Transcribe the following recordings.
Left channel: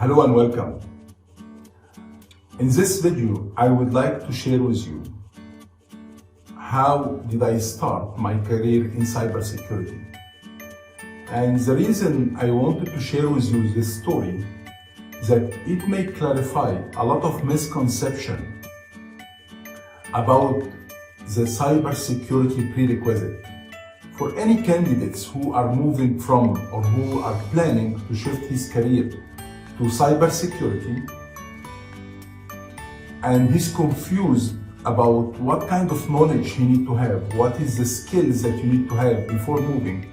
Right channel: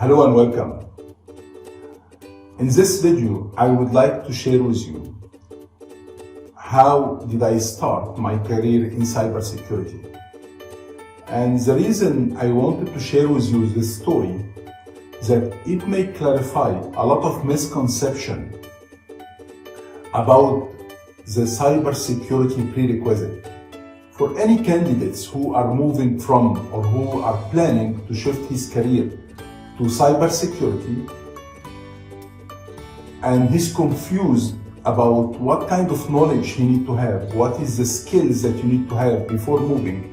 Hello and welcome. In this video, I would like to share with you how did I start my career in cybersecurity. And the reason I wanted to share with you this story is that it may clarify a lot of misconception about the cybersecurity prerequisite for any candidates who are moving from or who are planning to shift his career to cybersecurity, and he's confused about what kind of knowledge he need to have, what is the skills that you need to have before moving.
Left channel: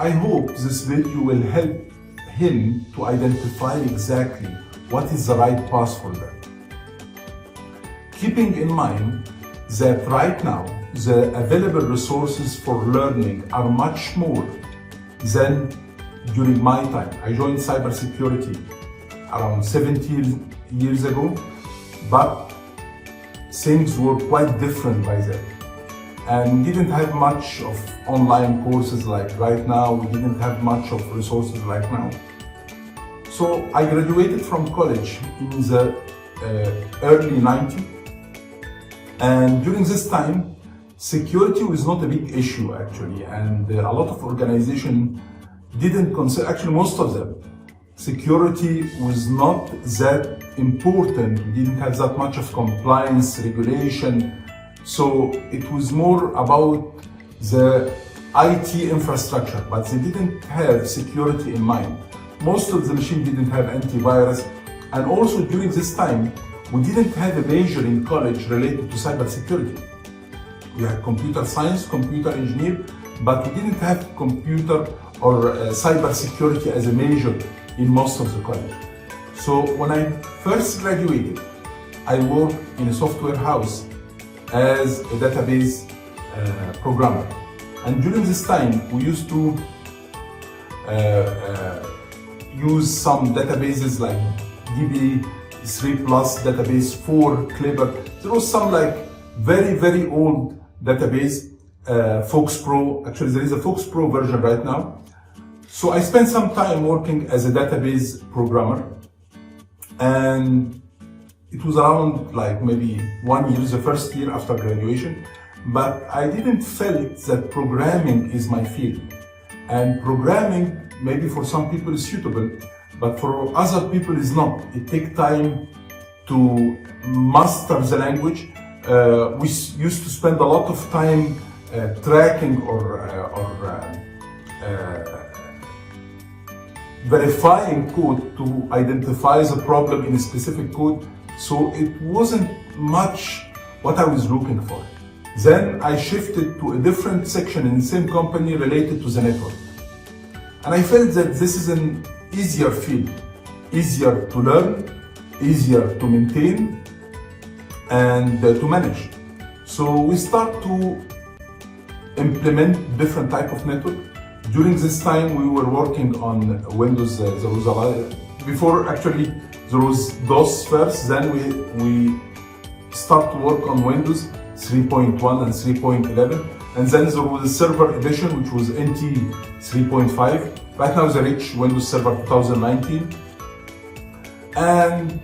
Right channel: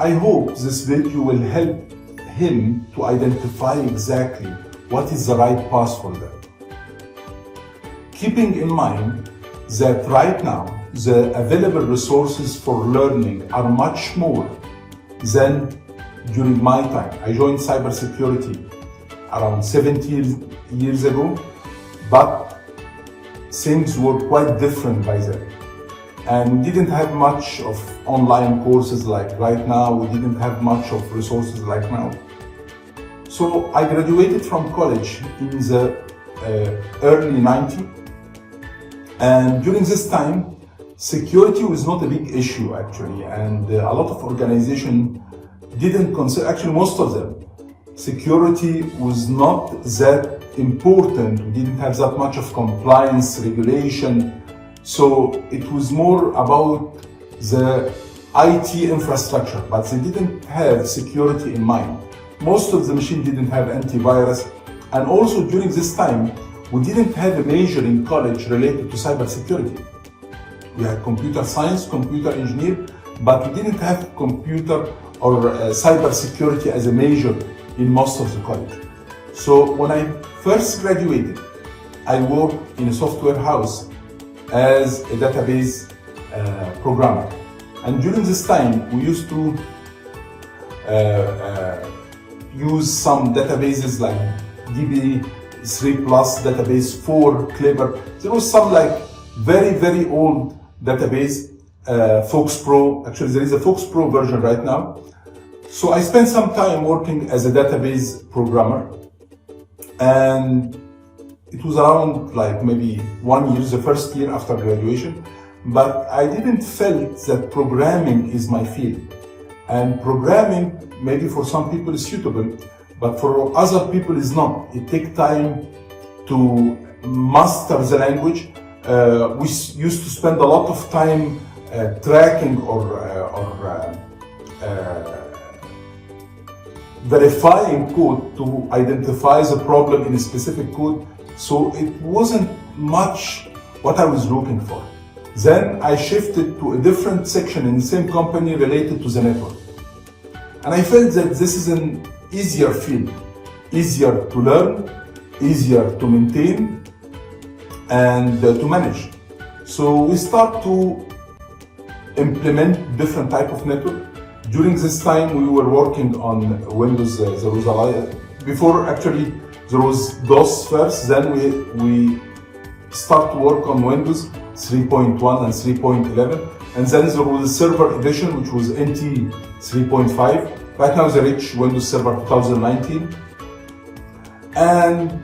I hope this video will help him to identify exactly what is the right path for that. Keeping in mind that right now the available resources for learning are much more than during my time. I joined cybersecurity around 17 years ago, but things were quite different by then. And didn't have much of online courses like right now. We didn't have much of resources like now. So I graduated from college in the early 90s. And during this time, security was not a big issue actually. And a lot of organizations didn't consider, actually most of them, security was not that important. We didn't have that much of compliance, regulation. So it was more about the IT infrastructure, but they didn't have security in mind. Most of the machines didn't have antivirus. And also during this time, we didn't have a major in college related to cybersecurity. We had computer science, computer engineer, but we didn't have computer or cybersecurity as a major in most of the college. So when I first graduated, I worked in a software house as a database programmer. And during this time, we used to use some databases like DB3 Plus, Database 4, Clever. There was some like very old database, Fox Pro. Actually, there is a Fox Pro version right now. So I spent some time working as a database programmer, and it was around like maybe 1 year, the first year after graduation, but I didn't felt that programming is my field. And programming, maybe for some people is suitable, but for other people is not. It takes time to master the language. We used to spend a lot of time tracking or verifying code to identify the problem in a specific code. So it wasn't much what I was looking for. Then I shifted to a different section in the same company related to the network. And I felt that this is an easier field, easier to learn, easier to maintain, and to manage. So we start to implement different type of network. During this time, we were working on Windows. There was a lot, before actually there was DOS first, then we start to work on Windows 3.1 and 3.11, and then there was a server edition which was NT 3.5. Right now they reach Windows Server 2019. And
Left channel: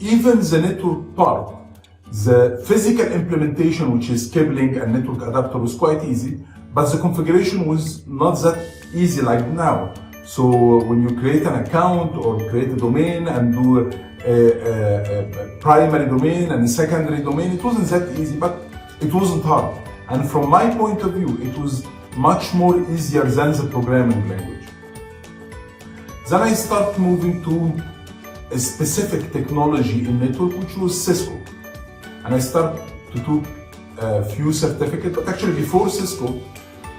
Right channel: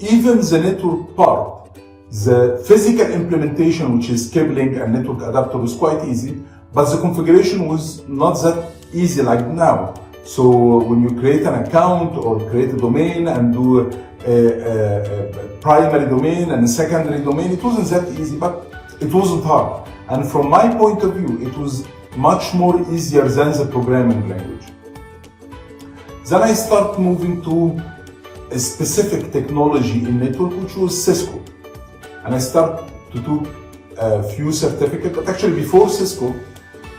even the network part, the physical implementation, which is cabling and network adapter, was quite easy, but the configuration was not that easy like now. So when you create an account or create a domain and do a primary domain and a secondary domain, it wasn't that easy, but it wasn't hard. And from my point of view, it was much more easier than the programming language. Then I start moving to a specific technology in network, which was Cisco. And I start to do a few certificates, but actually before Cisco,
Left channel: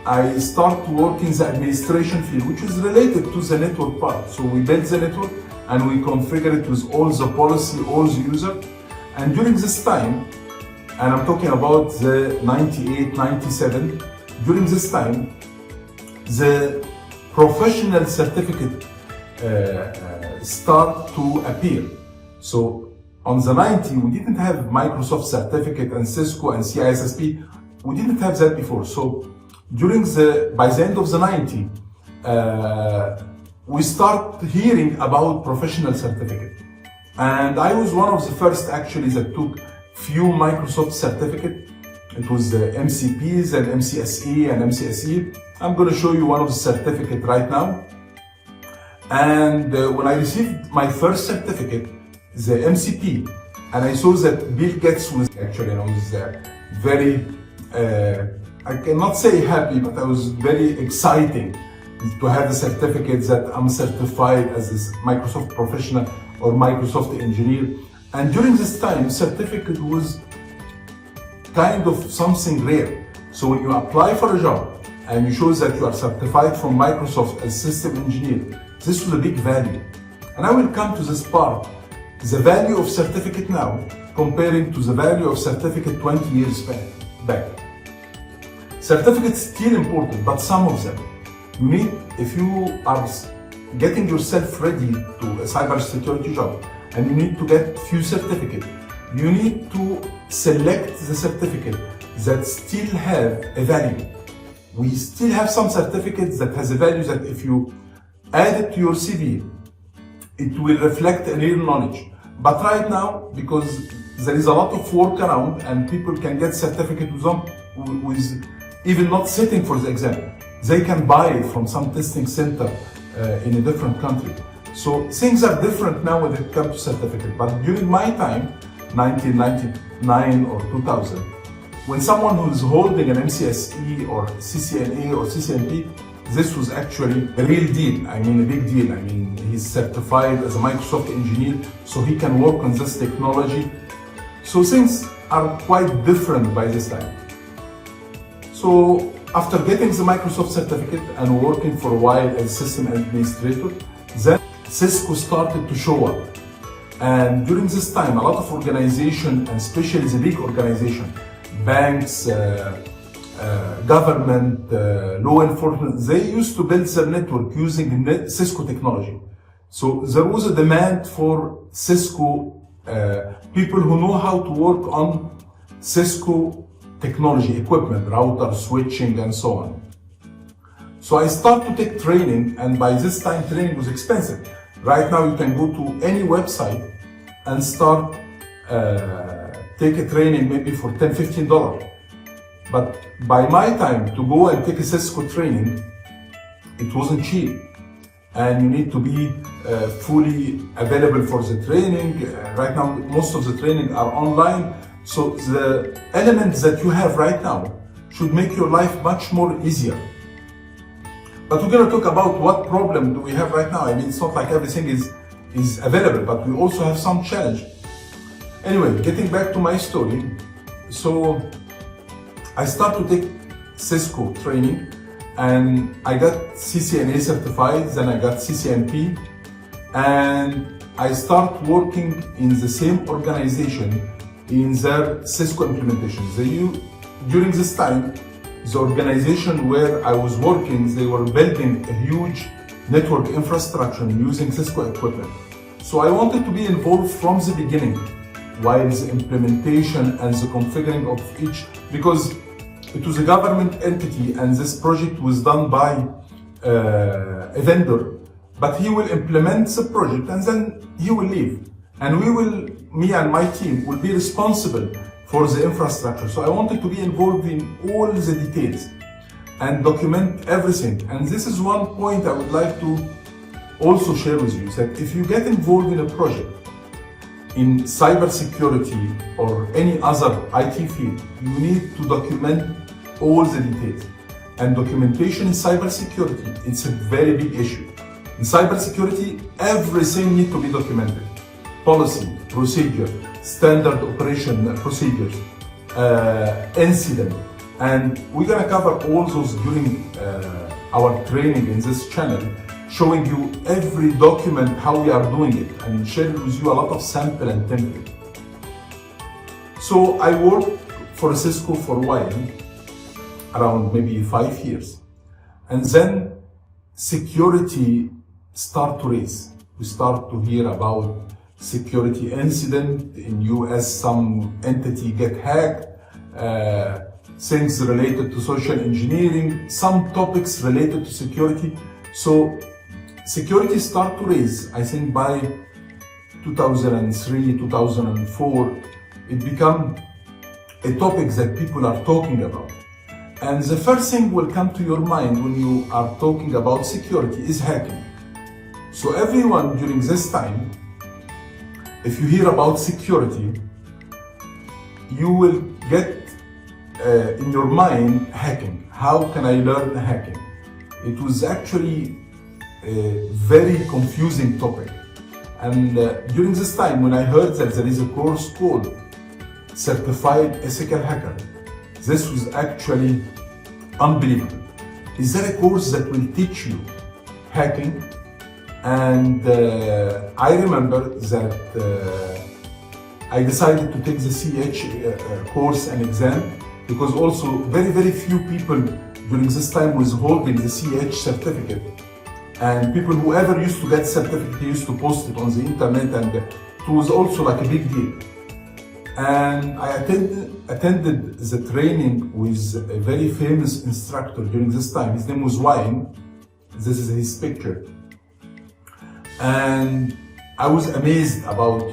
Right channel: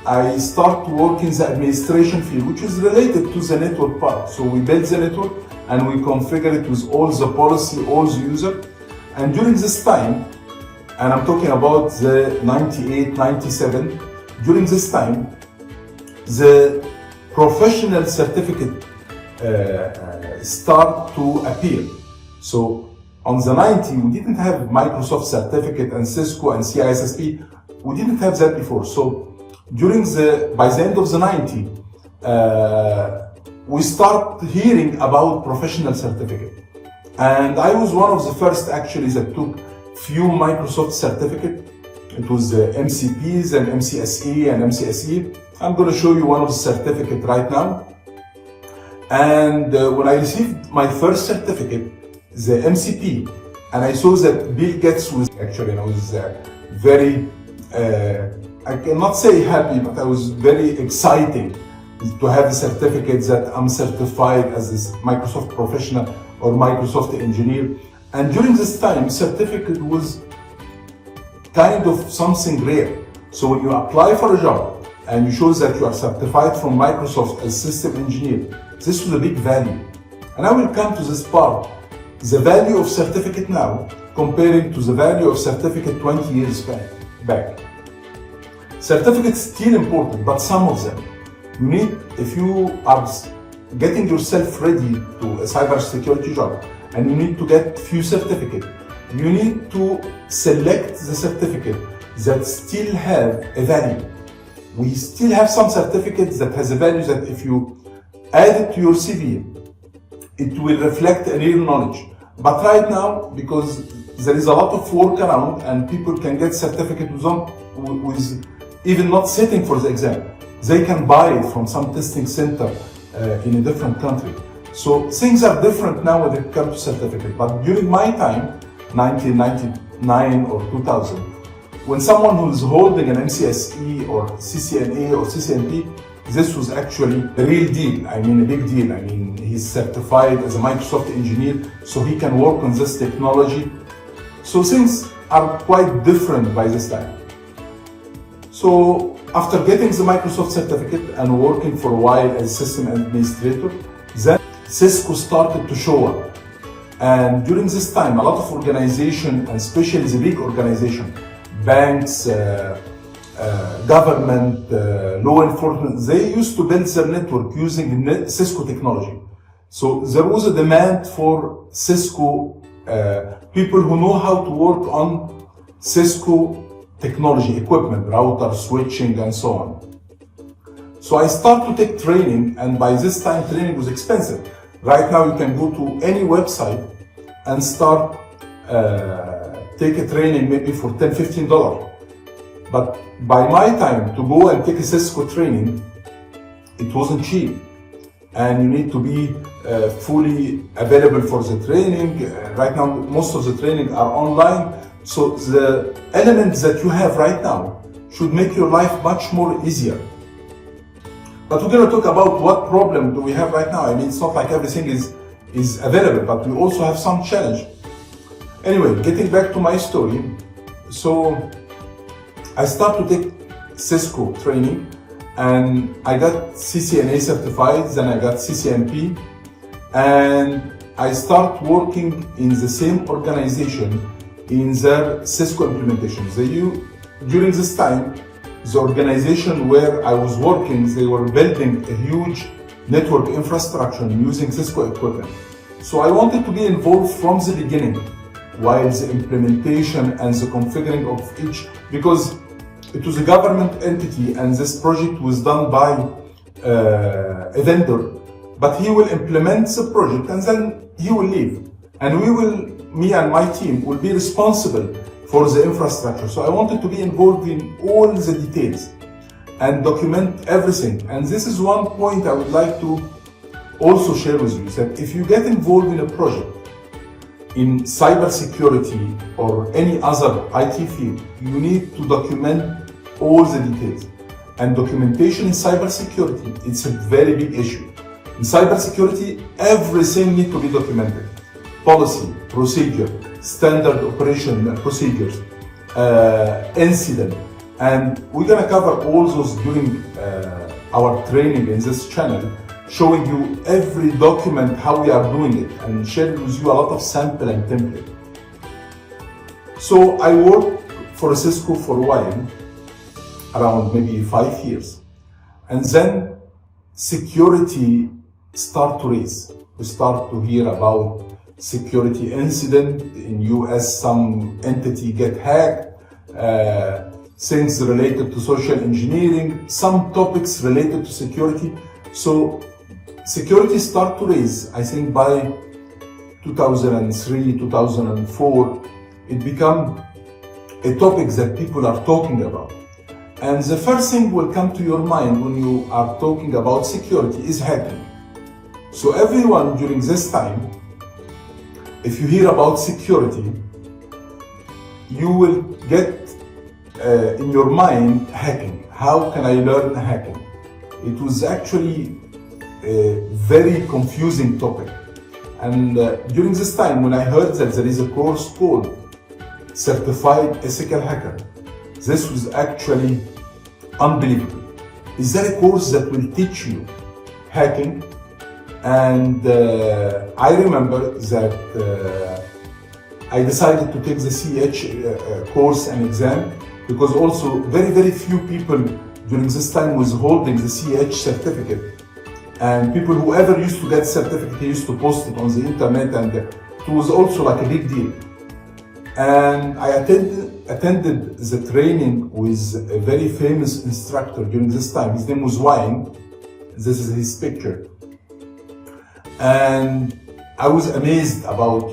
I start to work in the administration field, which is related to the network part. So we build the network and we configure it with all the policy, all the user. And during this time, and I'm talking about the 98, 97, during this time, the professional certificate start to appear. So on the 90, we didn't have Microsoft certificate and Cisco and CISSP. We didn't have that before. So by the end of the 90, we start hearing about professional certificate. And I was one of the first actually that took few Microsoft certificate. It was MCPs and MCSE and MCSE. I'm going to show you one of the certificate right now. And when I received my first certificate, the MCP, and I saw that Bill Gates was actually, I was very, I cannot say happy, but I was very exciting to have a certificate that I'm certified as a Microsoft professional or Microsoft engineer. And during this time, certificate was kind of something rare. So when you apply for a job and you show that you are certified from Microsoft as system engineer, this was a big value. And I will come to this part, the value of certificate now comparing to the value of certificate 20 years back. Certificates still important, but some of them, you need, if you are getting yourself ready to a cybersecurity job and you need to get few certificates, you need to select the certificate that still have a value. We still have some certificates that has a value that if you add it to your CV, it will reflect a real knowledge. But right now, because there is a lot of work around and people can get certificate with even not sitting for the exam, they can buy it from some testing center in a different country. So things are different now when it comes to certificate. But during my time, 1999 or 2000, when someone who is holding an MCSE or CCNA or CCNP, this was actually a real deal. I mean, a big deal. I mean, he's certified as a Microsoft engineer, so he can work on this technology. So things are quite different by this time. So after getting the Microsoft certificate and working for a while as system administrator, then Cisco started to show up. And during this time, a lot of organizations, and especially the big organizations, banks, government, law enforcement, they used to build their network using Cisco technology. So there was a demand for Cisco, people who know how to work on Cisco technology, equipment, router, switching, and so on. So I started to take training, and by this time training was expensive. Right now you can go to any website and start take a training maybe for $10, $15. But by my time to go and take a Cisco training, it wasn't cheap. And you need to be fully available for the training. Right now, most of the training are online. So the elements that you have right now should make your life much more easier. But we're going to talk about what problem do we have right now. I mean, it's not like everything is available, but we also have some challenge. Anyway, getting back to my story. So I started to take Cisco training and I got CCNA certified, then I got CCNP, and I started working in the same organization in their Cisco implementation. During this time, the organization where I was working, they were building a huge network infrastructure using Cisco equipment. So I wanted to be involved from the beginning, while the implementation and the configuring of each, because it was a government entity and this project was done by a vendor, but he will implement the project and then he will leave. And me and my team will be responsible for the infrastructure. So I wanted to be involved in all the details and document everything. And this is one point I would like to also share with you, that if you get involved in a project in cybersecurity or any other IT field, you need to document all the details. And documentation in cybersecurity, it's a very big issue. In cybersecurity, everything needs to be documented. Policy, procedure, standard operation procedures, incident. And we're gonna cover all those during our training in this channel, showing you every document, how we are doing it, and sharing with you a lot of sample and template. So I worked for Cisco for a while, around maybe 5 years. And then security start to raise. We start to hear about security incident in US, some entity get hacked, things related to social engineering, some topics related to security. So security started to raise. I think by 2003, 2004, it became a topic that people are talking about. And the first thing will come to your mind when you are talking about security is hacking. So everyone during this time, if you hear about security, you will get in your mind hacking. How can I learn hacking? It was actually a very confusing topic. And during this time, when I heard that there is a course called Certified Ethical Hacker, this was actually unbelievable. Is there a course that will teach you hacking? And I remember that I decided to take the CH course and exam, because also very few people during this time was holding the CH certificate. And people who ever used to get certificate, they used to post it on the internet, and it was also like a big deal. And I attended the training with a very famous instructor during this time. His name was Wayne. This is his picture. And I was amazed about,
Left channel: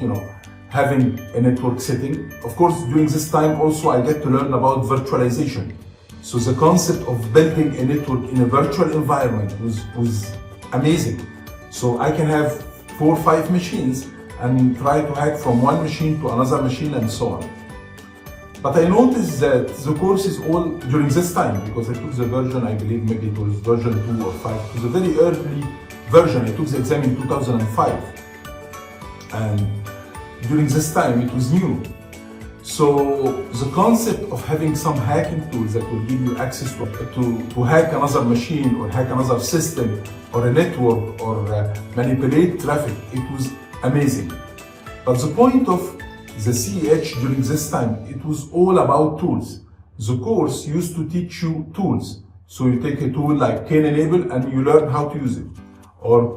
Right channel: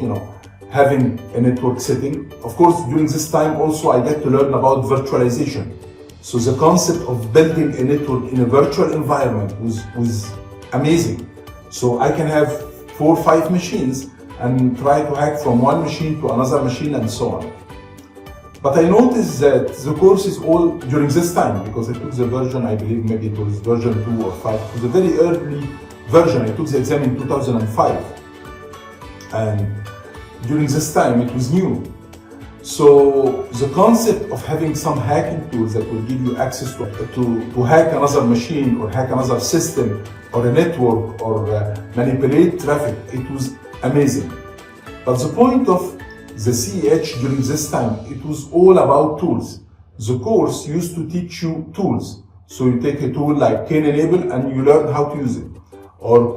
having a network setting. Of course, during this time also I get to learn about virtualization. So the concept of building a network in a virtual environment was amazing. So I can have 4 or 5 machines and try to hack from one machine to another machine and so on. But I noticed that the course is all during this time, because I took the version, I believe maybe it was version 2 or 5. It was a very early version. I took the exam in 2005. And during this time it was new. So the concept of having some hacking tools that will give you access to hack another machine or hack another system or a network or manipulate traffic, it was amazing. But the point of the CEH during this time, it was all about tools. The course used to teach you tools. So you take a tool like Kane-Enable and you learn how to use it. Or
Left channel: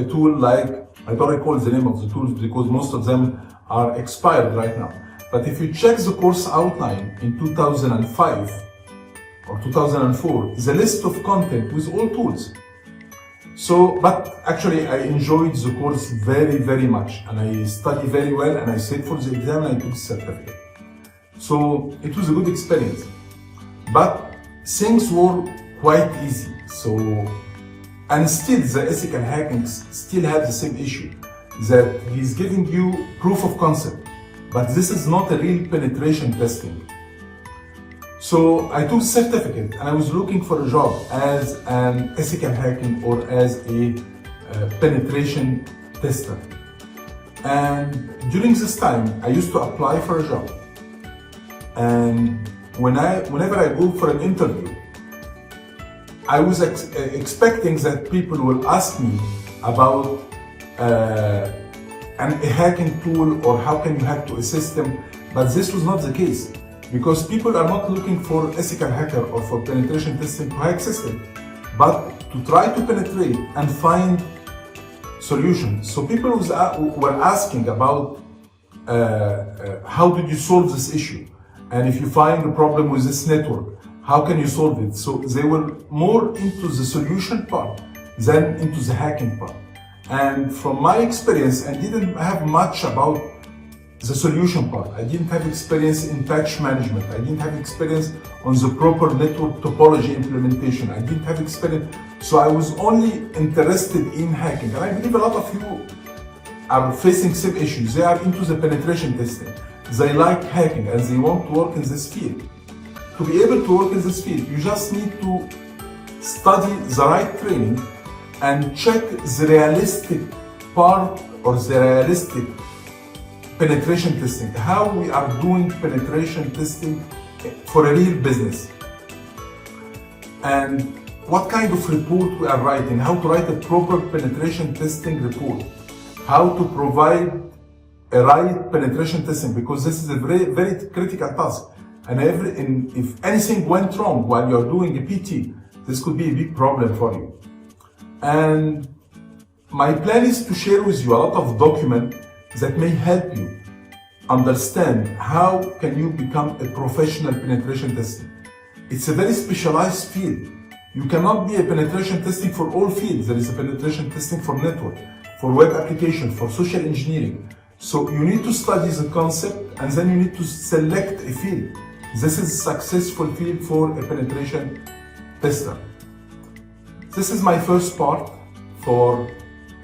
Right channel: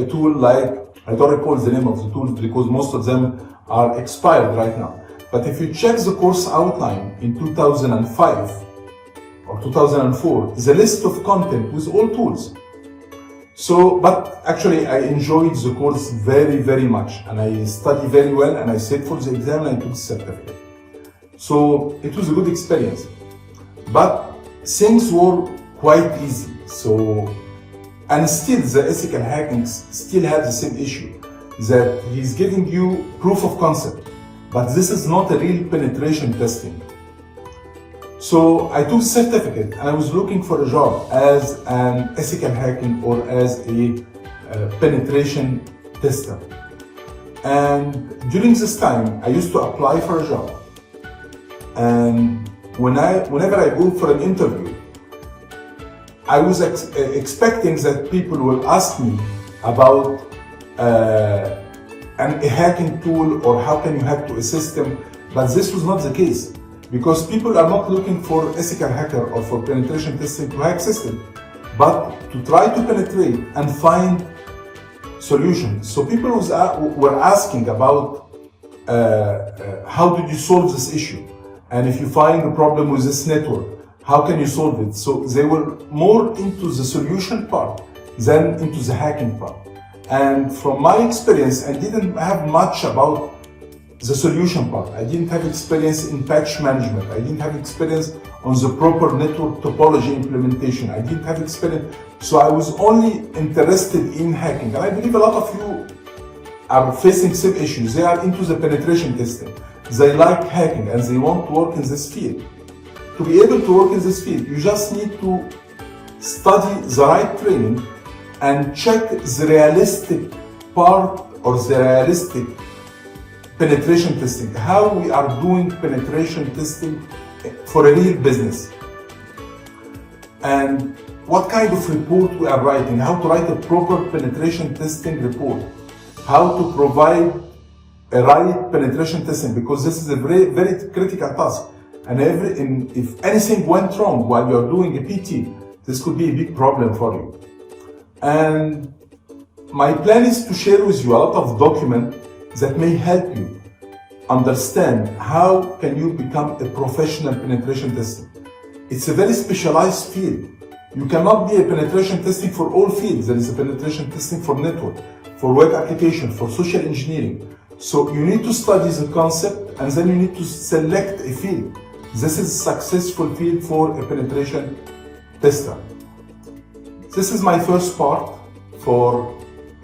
a tool like, I don't recall the name of the tools because most of them are expired right now. But if you check the course outline in 2005 or 2004, the list of content with all tools. So, but actually I enjoyed the course very much, and I studied very well, and I sat for the exam and I took the certificate. So it was a good experience. But things were quite easy. So, and still the ethical hacking still have the same issue, that he's giving you proof of concept, but this is not a real penetration testing. So I took certificate and I was looking for a job as an ethical hacking or as a penetration tester. And during this time, I used to apply for a job. And whenever I go for an interview, I was expecting that people will ask me about a hacking tool or how can you hack to a system, but this was not the case. Because people are not looking for ethical hacker or for penetration testing to hack system, but to try to penetrate and find solutions. So people were asking about how did you solve this issue? And if you find a problem with this network, how can you solve it? So they were more into the solution part than into the hacking part. And from my experience, I didn't have much about the solution part. I didn't have experience in patch management. I didn't have experience on the proper network topology implementation. I didn't have experience. So I was only interested in hacking. And I believe a lot of you are facing same issues. They are into the penetration testing. They like hacking and they want to work in this field. To be able to work in this field, you just need to study the right training and check the realistic part or the realistic penetration testing, how we are doing penetration testing for a real business, and what kind of report we are writing, how to write a proper penetration testing report, how to provide a right penetration testing, because this is a very critical task. And if anything went wrong while you're doing a PT, this could be a big problem for you. And my plan is to share with you a lot of documents that may help you understand how can you become a professional penetration tester. It's a very specialized field. You cannot be a penetration testing for all fields. There is a penetration testing for network, for web application, for social engineering. So you need to study the concept and then you need to select a field. This is a successful field for a penetration tester. This is my first part for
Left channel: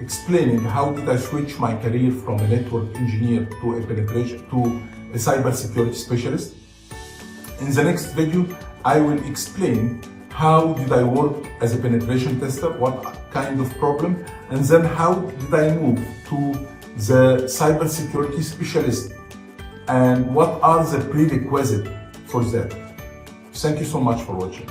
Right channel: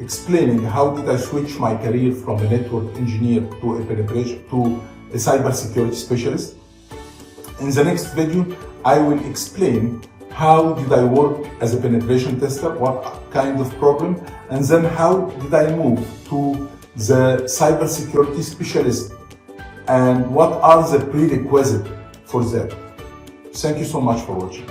explaining how did I switch my career from a network engineer to a cybersecurity specialist. In the next video, I will explain how did I work as a penetration tester, what kind of problem, and then how did I move to the cybersecurity specialist and what are the prerequisites for that. Thank you so much for watching.